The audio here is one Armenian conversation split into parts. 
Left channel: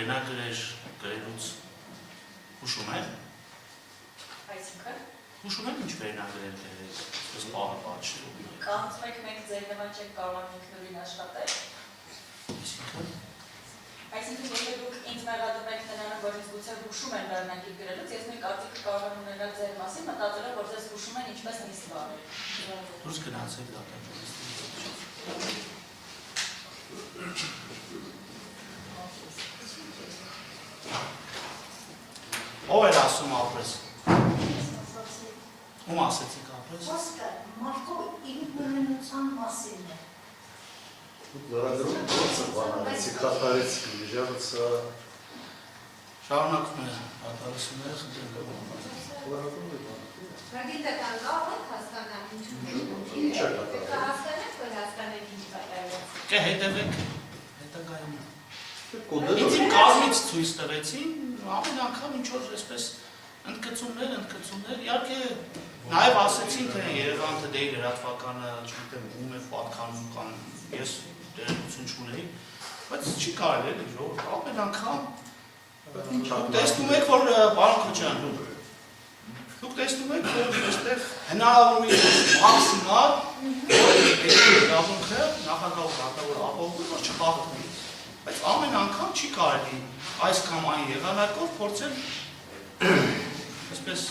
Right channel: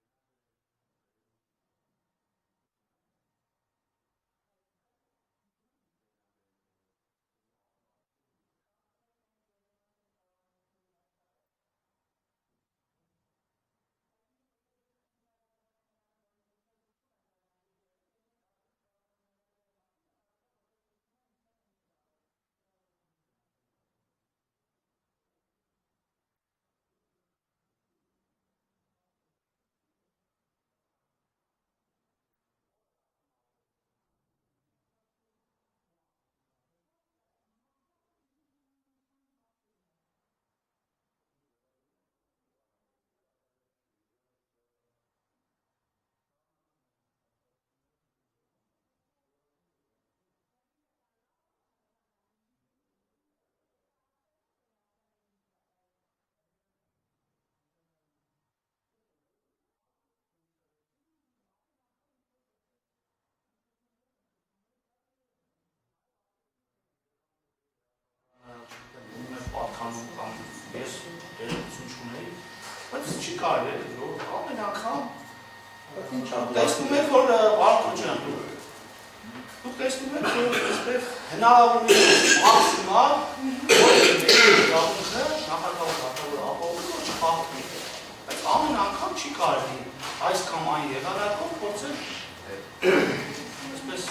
վերնագրեր գրելուց հուշում են։ Այսինքն։ Հուշում են ինչ վերնագրեր գրել, ըստ պահը պատշի։ Կարծում եք մենք ձեր նման չեք կարող ինքնուրույն աշխատել։ Այսինքն եթե դուք ինձ մեղադրում եք նրանով, որ ինձ գուցե հուշում են վերնագիր գրելուց, ես մի կարծիք կարող եմ ունենալ ձեր մասին, մտածելով, որ ձեզ հուշում են ինչպես նիստ վարել։ Դուրս գնացեք դատաճորիստի։ Ով էր ասում ապրես։ Ում ասեցիք ապրես։ Խոսքը մարդու ինքնուրույնության մասին է։ Լրագրում գործը բանալեցի, կատարեցի, միջավցա։ Շարունակում է ատարասունները խնդրում։ Լրագրում է բան։ Գիտական կարող եք հասկանալ ինչու Ինչ է կատարել։ հասկանեք, որ հասկանեք ինչ կատարվեց։ Կե հետևեք հետագայում։ Կոդերը Ինձ իմ կազմից ցույց տվեցին, ամեն անգամ ինչ որ այսպես ընդգծումներ, իհարկե նաև ասեցին, թե Երևան TD-ի լրատվականը, չգիտեմ, ում է պատկանվում կամ ես դերություն չունեի, բայց չի կարելի է դրող, ամեն անգամ տեսնում եք, որ պարոն Քոչյան, դուք տեսնում եք, որ այստեղ հնարավորինս մաքսիմալ գաղութը նախագահ կատարել ապահովում, որ չպահպանի, բայց ամեն անգամ չի կարելի այս կամ այն եղանակով փորձել այսպես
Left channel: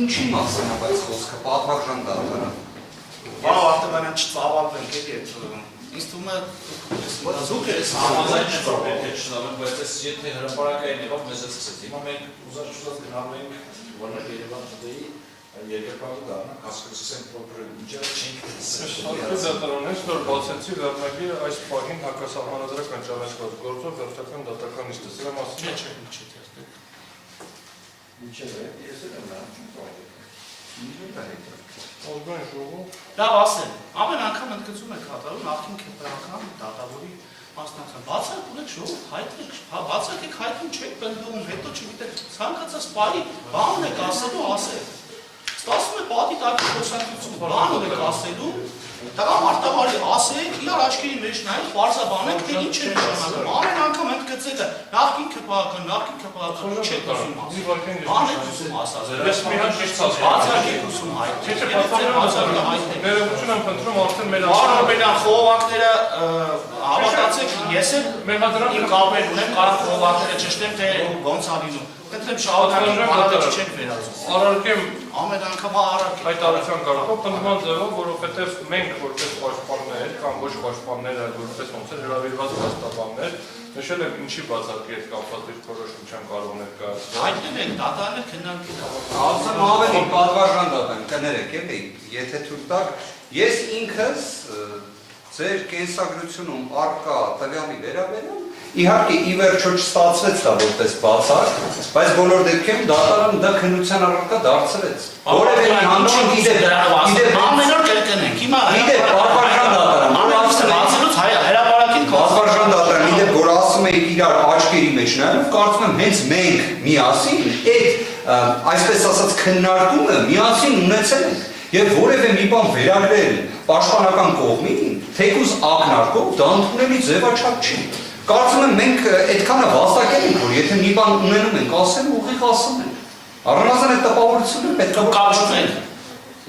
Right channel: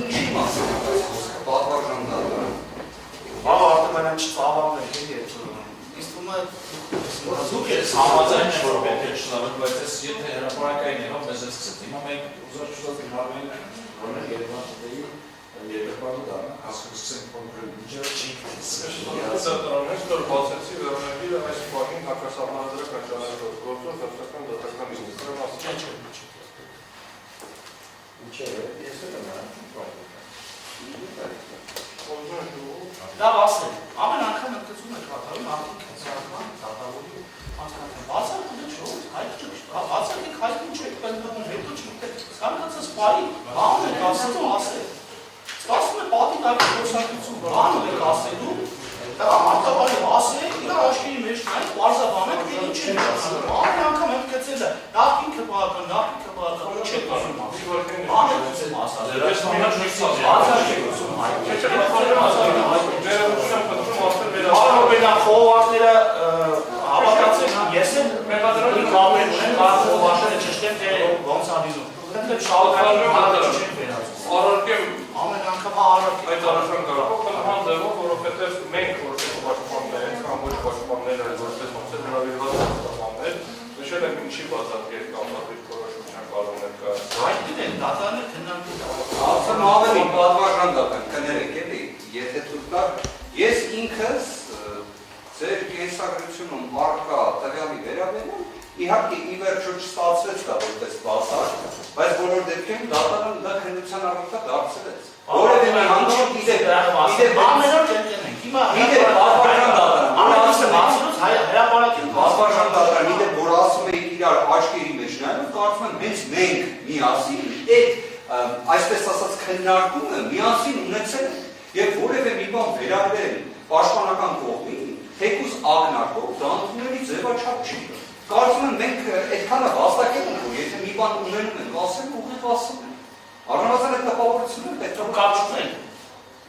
Ինչի մասին է այս խոսքը, պատվարժան դատը։ Բավ Արտեմանյան չծավալվեք, ինձ թվում է Դուք եք համաձայն որ պետք է շնորհենք, բայց ես եթե հրապարակային եղավ մեզ է սկսեց։ Հիմա մենք ուզած շուտ գնալու ենք որներ Երևան TD-ի երկրպագու դառնանք, հասկացնենք որ միջև չի Դատարանից որ բացեցի վերնագիրը այս պահին հակասահմանադրական ճանաչված գործով վերջական դատական իսկ դրա մասին Ինչեր է, ես էլ եմ նրան Օրգան ժողով լավ ասել, ամեն անգամ ընդգծում եք կատարում նախին կենտրոնական դատավորի մասնակցություն։ Բացակեք շոու, բացակեք հայտում չեք բնդում, հետո չգիտեք, ցանկացած բարի բան եք ասելու ասել։ Ստացվում է պատի տակի խոսակցություն, բան եք ասելու, տղամարդավարի ասեք, իրար աչքերի մեջ նայեք, պարզաբանեք, թե ինչ եք ասում։ Ամեն անգամ ընդգծել է, նախին քպական, չեք ասում ասել։ Բան եք ուսում ասել։ Բացակեք ուսում Արմենան խողովակները հավատացեք, ես էլ իմ կապեր ունեմ, կարող խողովակները ճշտեմ, թե ոնց ա լինում։ Խնդրեմ շահութային հարավեջ չեք վերածում։ Առարկեմ ամեն անգամ առարկ այդ առական կարապով, պնդման ձևով, որովհետև մենք որպես պաշտպաններ, կամ ոչ պաշտպաններ, այլ որպես ոնց է հրավիրված պաշտպաններ, նշել եմ ինչի բացառիկ կամտատիչ որոշության կարող ներկայացնել։ Հայտնին եք, դատարանը քննարկել։ Ասեմ ավելի պատվարժան դատան, կներեք, էլի, եթե թույլ տաք, ես ինքս ձեր կենսագրությունում առկա տվյալի վերաբերում իհարկե ի վերջո չստացվեց դա որպես բացառ, բայց բոլոր դեպքերում դատարանը դա քննության առարկա դարձրեց։ Որևէ մի հանրություն գիտե ամեն օր կրկնենք, հիմա պատվարժան դատարան, իդեպ որ ասում եք իրար աչքերի մեջ նայելով, կարծում եմ հենց մենք միասին այդ այսպես ասած քննարկումը միասին ունեցել ենք եւ որևէ մի բան վերագրել պաշտպանական կողմին, թեկուզ ակնարկով դա ընդունելի ձևաչափ չի։ Կարծում եմ մենք այդքանը վաստակել ենք, որ եթե մի բան ունենում ենք ասել, ուղիղ ասում ենք։ Առնվազն այդ տպավորությունը պետք է կապ չունենք։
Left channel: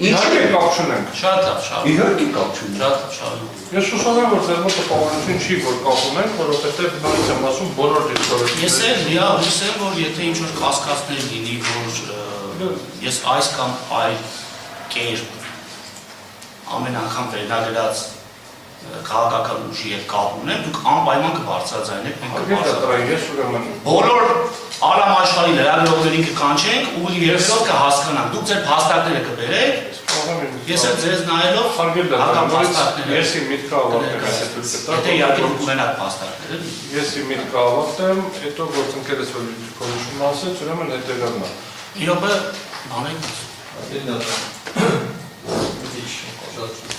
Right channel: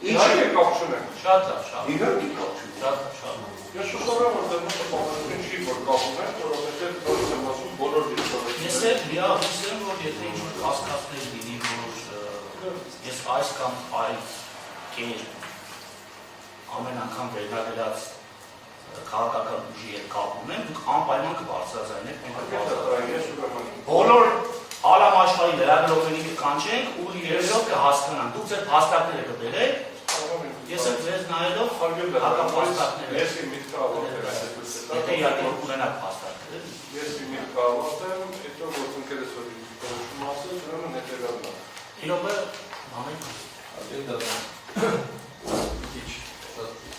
Ինչի կապ չունենք։ Շատ լավ, շատ։ Իհարկե կապ չունենք։ Շատ լավ։ Ես հուսով եմ, որ ձեր մոտ տպավորություն չի, որ կապ ունենք, որովհետև նորից եմ ասում բոլոր դիսկուրսները։ Ես էլ լիահույս եմ, որ եթե ինչ-որ կասկածներ լինի, որ ես այս կամ այլ կերպ ամեն անգամ վերնագրած քաղաքական ուժի հետ կապ ունեմ, դուք անպայման կբարձրաձայնեք, մենք կբարձրացնենք։ Բոլոր Արամ աշխարհի լրագրողներին կկանչենք ու երբեք կհասկանանք։ Դուք ձեր փաստարկները կբերեք, ես էլ ձեզ նայելով հական փաստարկներ։ Ես իմ միտքը ավարտեմ, Եթե իհարկե դուք ունենաք փաստարկները։ Ես իմ միտքը ավարտեմ, հետո գործընկերս որ քննություն ասեց, ուրեմն հետևյալն է։ Իրոք բանեք։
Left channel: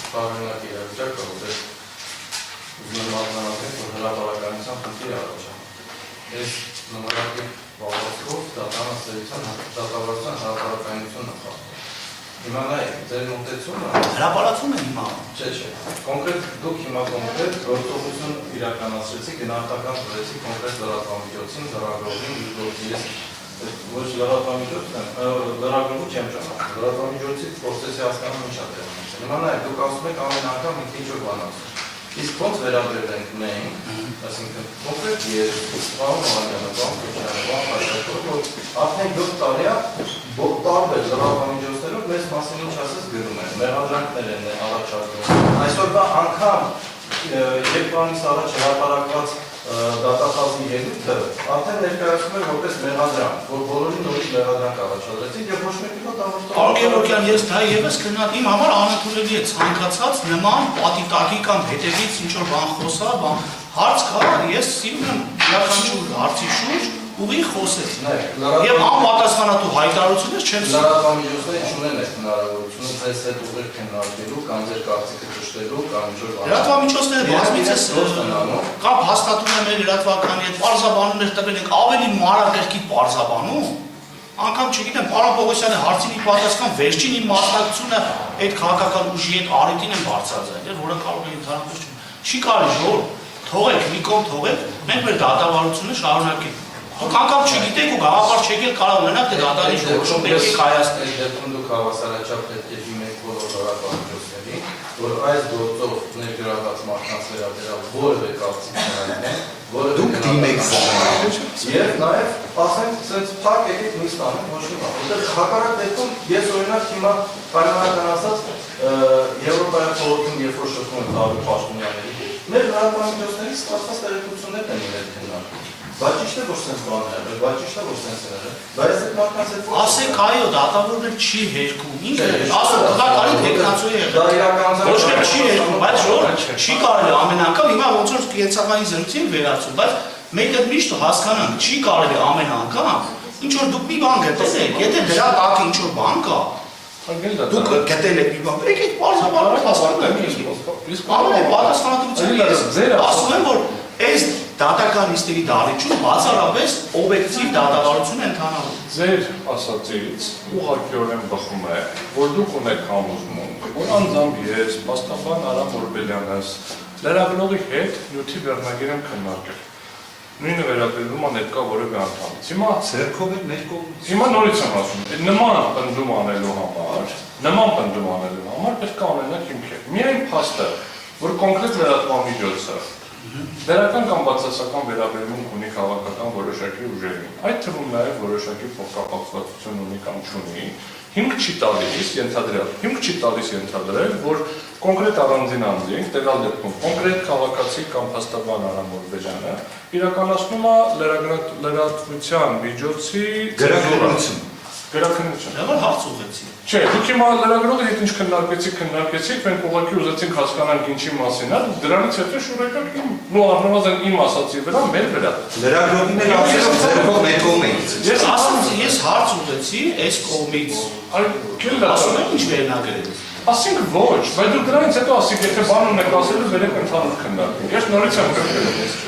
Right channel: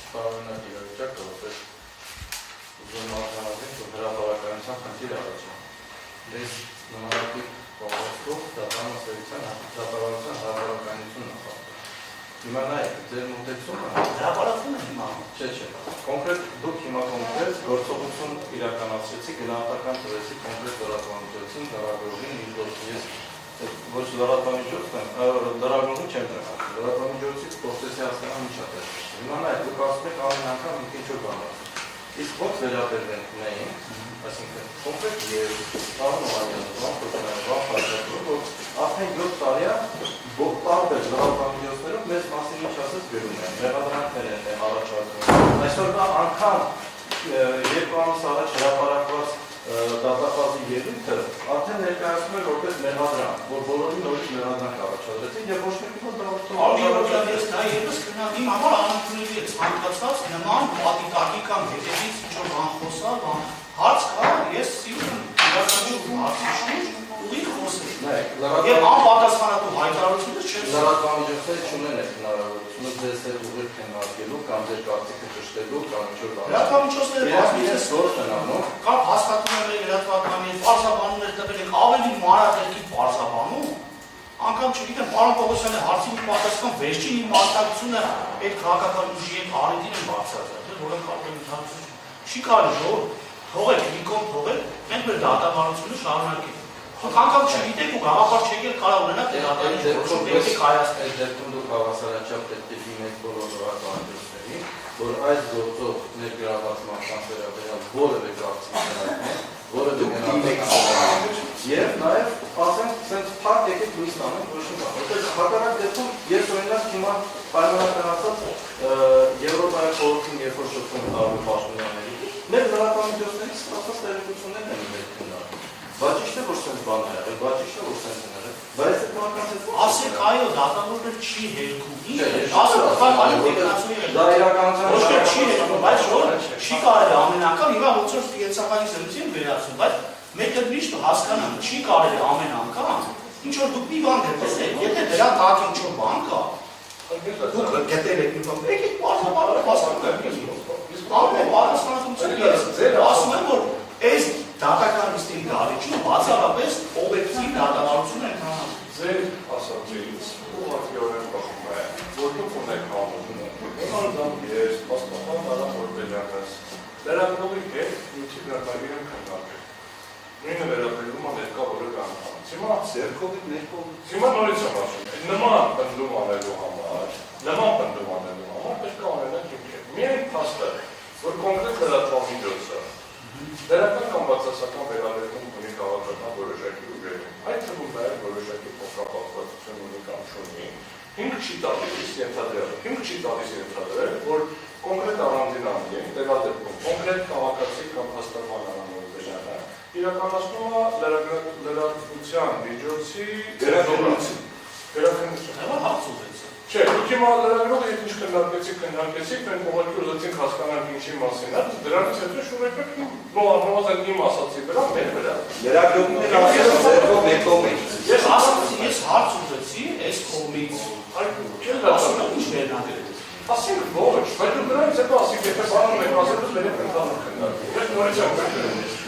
Պարոնակ իրավիճակը, որ ուզում մատնանացնենք, որ հրապարականության խնդիր առաջանում։ Ես նմանատիպ վավասկով դատարան սերության դատավարության հրապարականությունը խախտում։ Հիմա նայեք, ձեր մոտեցումը։ Հրապարակում է հիմա։ Չէ։ Կոնկրետ դուք հիմա կոնկրետ գործողություն իրականացրեցիք, գնահատական տվեցիք կոնկրետ լրատվամիջոցին, լրագրողին, ես ոչ լրատվամիջոցն եմ, լրագրողը չեմ ճանաչում։ Լրատվամիջոցից փորձեցի հասկանալ ինչ է տեղի։ Հիմա նայեք, դուք ասում եք ամեն անգամ ինչ-որ բան ասում։ Իսկ ոնց վերաբերվենք մենք, այսինքն կոնկրետ ես պարոն Մարիանը, որ արդեն 7 տարի է տարբեր լրատվամիջոցներով մեզ մասին ինչ ասես գրում են, մեղադրանքներ են առաջարկում։ Այսօր դա անգամ երբ ամիս առաջ հրապարակված դատախազի ելույթը արդեն ներկայացնում է որպես մեղադրանք, որ բոլորին նորից մեղադրանք առաջադրեցին եւ ոչ մեկի մոտ Պարոն Գևորգյան, ես դա եւս քննադատի իմ համար անընդունելի է ցանկացած նման պատիտակի կամ հետևից ինչ որ բան խոսա, հարց կա, ես սիրում եմ յուրաքանչյուր հարցի շուրջ ուղիղ խոսել։ Եվ անպատասխանատու հայտարարություններ չեմ սիրում։ Լրատվամիջոցները չունեն այդ հնարավորությունը ձեզ հետ ուղիղ քննարկելու կամ ձեր կարծիքը ճշտելու կամ ինչ-որ բան։ Լրատվամիջոցները բազմիցս կամ հաստատում եմ մեր լրատվականի հետ պարզաբանումներ տվել ենք ավելի մանրակրկիտ պարզաբանում։ Անգամ չգիտեմ, պարոն Պողոսյանի հարցին ի պատասխան վերջին իմ մասնակցությունը այդ քաղաքական ուժի հետ արետին եմ բարձրացել, որը կարող է ընդհանրապես չի կարելի ժողով թողեք, մի կողմ թողեք, մենք մեր դատավարությունը շարունակենք։ Դուք անգամ չգիտեք ու գաղափար չեք էլ կարող ունենաք թե դատարանի որոշում եկեք հայացնել։ Դեպքում դուք հավասարաչափ պետք է դիմեք բոլոր լրատվամիջոցներին, որ այս գործով ներգրավված մարդկանց վերաբերյալ որևէ կարծիք չունենան, որևէ դիմեք եւ նաեւ ասենք sense փակ եկեք նույնիսկ անենք ոչ մի բան։ Որտեղ հակառակ դեպքում ես օրինակ հիմա պայմանական ասած Եվրոպայի խորհրդում երբ որ շփվում եմ տարբեր պաշտոնյաների, մեր լրատվամիջոցներից ստացված տեղեկություններ են իրենք քննարկում։ Բայց ճիշտ է որ sense բան է, բայց ճիշտ է որ sense է։ Բայց այդ մարդկանց հետ ասեք այո, դատավորներ չի հերքում։ Ինչ է, ասեք դա կարի տեխնացու է եղել։ դա իրականացել Ոչ մի չի հերքում, բայց չի կարելի ամեն անգամ հիմա ոնց որ կենցաղային զրույցին վերացում, բայց մենք այդ միշտ հասկանանք, չի կարելի ամեն անգամ ինչ որ դուք մի բան գտել եք, եթե դրա տակ ինչ որ բան կա, դուք գտել եք մի բան, եկեք բարձրաբանում հասկանանք։ Ամեն պատասխանատվությունը ես ասում եմ, որ այս դատական նիստերի դարիճում բացառապես օբյեկտիվ դատավարություն է ընթանալու։ Ձեր ասածից ուղղակիորեն բխում է, որ դուք ունեք համոզմուն, որ անձամբ ես, Պաստապան Արամ Օրբելյանս, լրագրողի հետ նյութի վերնագիր եմ քննարկել։ Նույնը վերաբերվում է ներկա որևէ անդամից։ Հիմա Ձերքով եք մեր կողմից։ Հիմա նորից եմ ասում, նման պնդում անելու համար պետք է ունենալ հիմքեր։ Միայն փաստը, որ կոնկրետ լրատվամիջոցը դերական կամ բացասական վերաբերմունք ունի քաղաքական որոշակի ուժերին, այդ թվում նաև որոշակի փոխկապակցություն ունի կամ չունի, հիմք չի տալիս ենթադրել, որ կոնկրետ առանձին անձին, տվյալ դեպքում կոնկրետ քաղաքացի կամ փաստաբան Արամ Օրբելյանը իրականացնում է լրատվության միջոցի Գրաքննություն։ Դա հարց ուղեցի։ Չէ, դուք հիմա լրագրողի հետ ինչ քննարկեցիք, մենք ուղղակի ուզեցինք հասկանալ ինչի մասին է, դրանից հետո շուրեկակ նո առնվազն իմ ասացի վրա, մեր վրա։ Լրագրողին էլ ասելով ձերքով մեր կողմից։ Ես հարց ուղեցի այս կողմից։ Ասում եմ ինչ վերնագրել։ Ասենք ոչ, բայց դուք դրանից հետո ասիք, եթե բան ունեք ասելու, վերեք ընդհանուր քննարկում։ Ես նորից եմ գրել։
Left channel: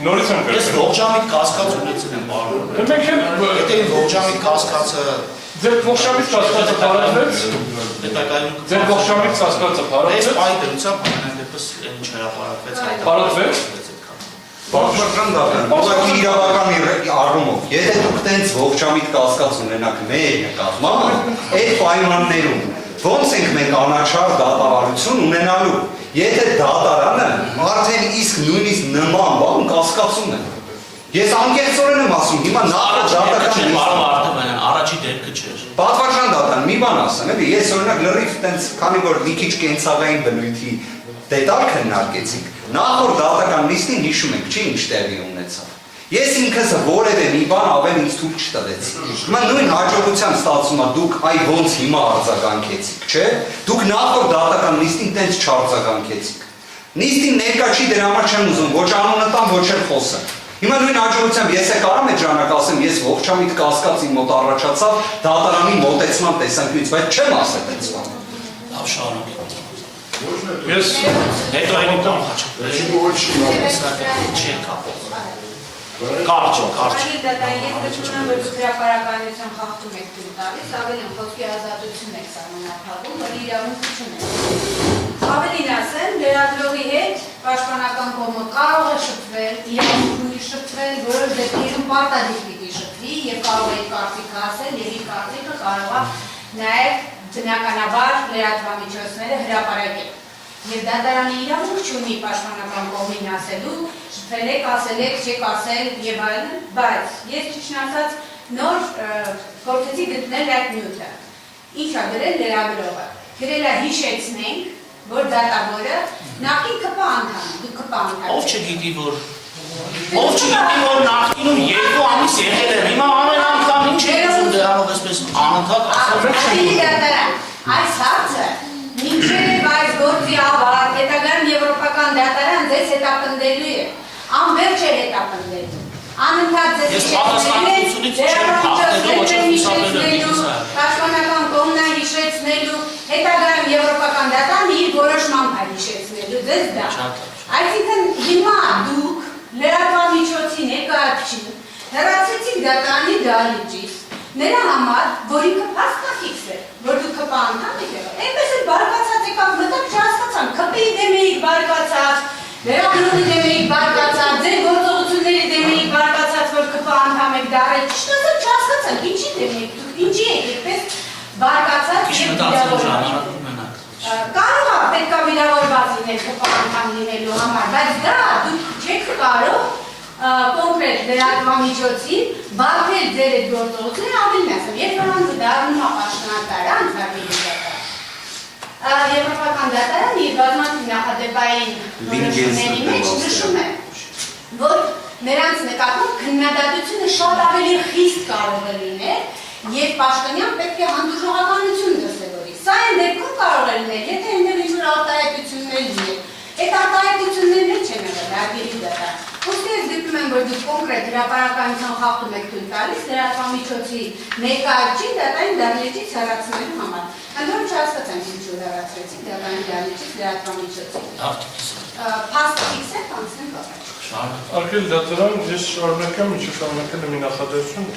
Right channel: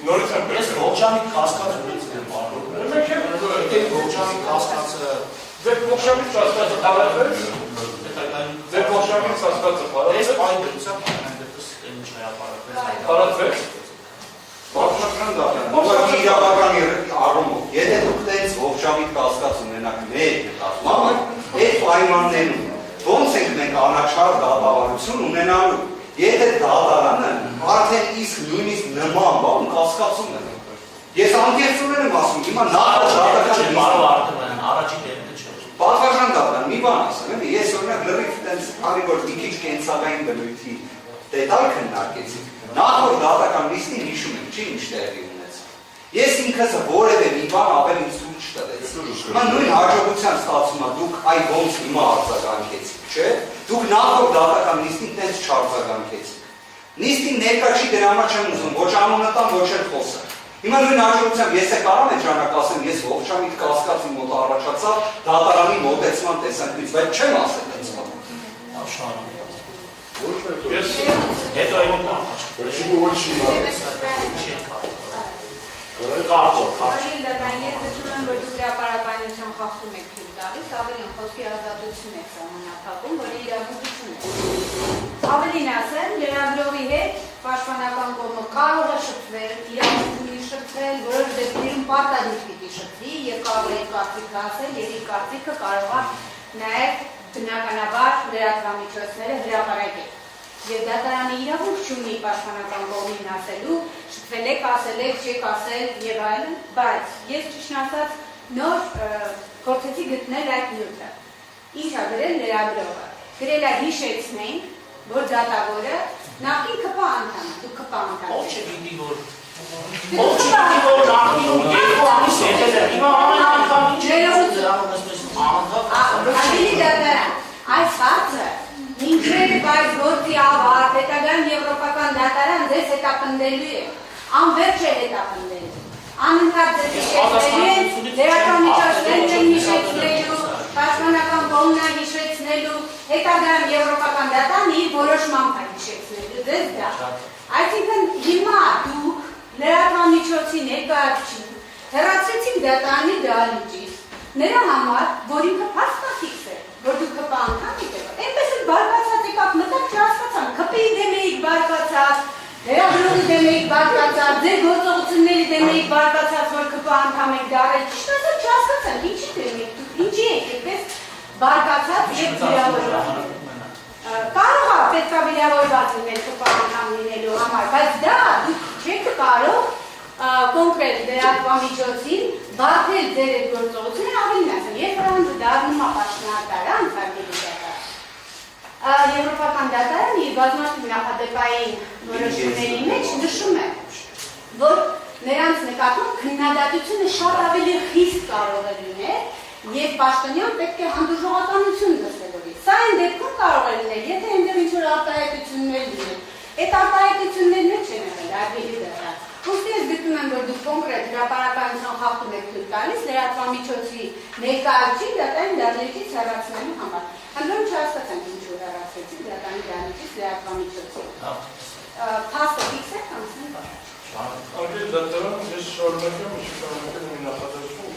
Ես ողջամիտ կասկած ունեցել եմ բարոն։ Մենք էլ Եթե ողջամիտ կասկածը ձեր ողջամիտ կասկածը բարևեց։ Ձեր ողջամիտ կասկածը բարևեց։ այս այն դրությամբ այն դեպս ինչ հրապարակվեց այդ։ Բարևեց։ Բարձրական դատան, ուղղակի իրավական առումով, եթե դուք տենց ողջամիտ կասկած ունենաք մեր նկատմամբ, այդ պայմաններում ոնց ենք մենք անաչառ դատավարություն ունենալու, եթե դատարանը արդեն իսկ նույնիսկ նման բան կասկածում է։ Ես անկեղծորեն եմ ասում, հիմա առաջի դեպքը չէր։ Պատվարժան դատան, մի բան ասեմ, էլի, ես օրինակ լրիվ տենց, քանի որ մի քիչ կենցաղային բնույթի դետալ քննարկեցինք, նախորդ դատական նիստին հիշում ենք, չի ինչ տեղի ունեցավ։ Ես ինքս որևէ մի բան ավել ինձ թույլ չտվեց։ Հիմա նույն հաջողության ստացվում է դուք այ ոնց հիմա արձագանքեցիք, չէ՞։ Դուք նախորդ դատական նիստին տենց չարձագանքեցիք։ Նիստին ներկա չի դրա համար չեմ ուզում, ոչ անունը տամ, ոչ էլ խոսեմ։ Հիմա նույն հաջողությամբ ես կարամ այդ ժամանակ ասեմ, ես ողջամիտ կասկած իմ մոտ առաջացավ դատարանի մոտեցման տեսանկյունից, բայց չեմ ասել այդպես բան։ Լավ շարունակեք։ Ես հետո այն բան հաճախ։ Չէ, Չի կա։ Կարճ։ Արագ դատան ես դժգոհ եմ, որ հրապարակայնություն խախտում եք թույլ տալիս, ավելին խոսքի ազատություն եք սահմանափակում, որ իրավունք չունեք։ Ավելին ասեմ, լրագրողի հետ պաշտպանական կողմը կարող է շփվել, իրավունք ունի շփվել, որոշ դեպքերում պարտադիր պիտի շփվի եւ կարող է կարծիք ասել եւ իր կարծիքը կարող է նաեւ բնականաբար լրատվամիջոցները հրապարակել։ Եվ դատարանի իրավունք չունի պաշտպանական կողմին ասելու, շփվել եք, ասել եք, չեք ասել եւ այլն, բայց ես ճիշտ ասած նոր գործեցի գտնել այդ նյութը։ Ինչ ա գրել լրագրողը։ Գրել է հիշեցնենք, որ դատավորը նախին ԿՊ անդամ, դու ԿՊ անդամ։ Ով չգիտի որ նախինում 2 ամիս եղել է, հիմա ամեն անգամ ինչ է ուզում դրանով այսպես անընդհատ Ավելի դատարան, այս հարցը մինչև այս գործի ավարտ, հետագայում եվրոպական դատարան ձեզ հետապնդելու է, անվերջ է հետապնդելու, անընդհատ ձեզ հիշեցնելու, պաշտպանական կողմն հիշեցնելու, հետագայում եվրոպական դատարանը իր որոշմամբ է հիշեցնելու, ձեզ դա։ Այսինքն հիմա դուք լրատվամիջոցի ներկայացուցիչ հեռացրեցիք դատարանի դահլիճից, նրա համար, որ ինքը փաստաթիքս է, որ դուք ԿՊ անդամ եք եղել, այնպես էլ բարկացած եկաք մտակ չհասկացան, ԿՊ-ի դեմ էիք բարկացած, լրագրողի դեմ էիք բարկացած, ձեր գործողությունների դեմ էիք բարկացած, որ ԿՊ անդամ եք դարել, ճիշտ ասած չհասկացան, ինչի դեմ էիք դուք, ինչի եք այդպես բարկացած եւ վիրավորված։ Կարող է պետք է վիրավորված լինել ԿՊ անդամ լինելու համար, բայց դա դուք չեք կարող կոնկրետ լրատվամիջոցին բարդել ձեր այդ գործողությունները ավելին ասեմ, երբ որ դառնում է պաշտոնատարան, եվրոպական դատարանը իր բազմաթիվ նախադեպային որոշումների մեջ նշում է, որ նրանց նկատմամբ քննադատությունը շատ ավելի խիստ կարող է լինել, երբ պաշտոնյան պետք է հանդուրժողականություն դրսևորի։ Սա այն դեպքում կարող է լինել, եթե այնտեղ ինչ-որ արտահայտություններ լինել, այդ արտահայտություններն չեն եղել հարգելի դատարան։ Ուստի ես գտնում եմ, որ դուք կոնկրետ հրապարակայնություն խախտում եք թույլ տալիս լրատվամիջոցի ներկայացուցիչ դատարանի դահլիճից հեռացնելու համար։ Ընդհանուր չհասկացանք ինչու հեռացրեցիք դատարանի դահլիճից լրատվամիջոցի։ Փաստ ֆիքսեք անցնենք ապա։ Արգել դատարան, ես շարունակեմ, ինչ շարունակել եմ նախադասություն,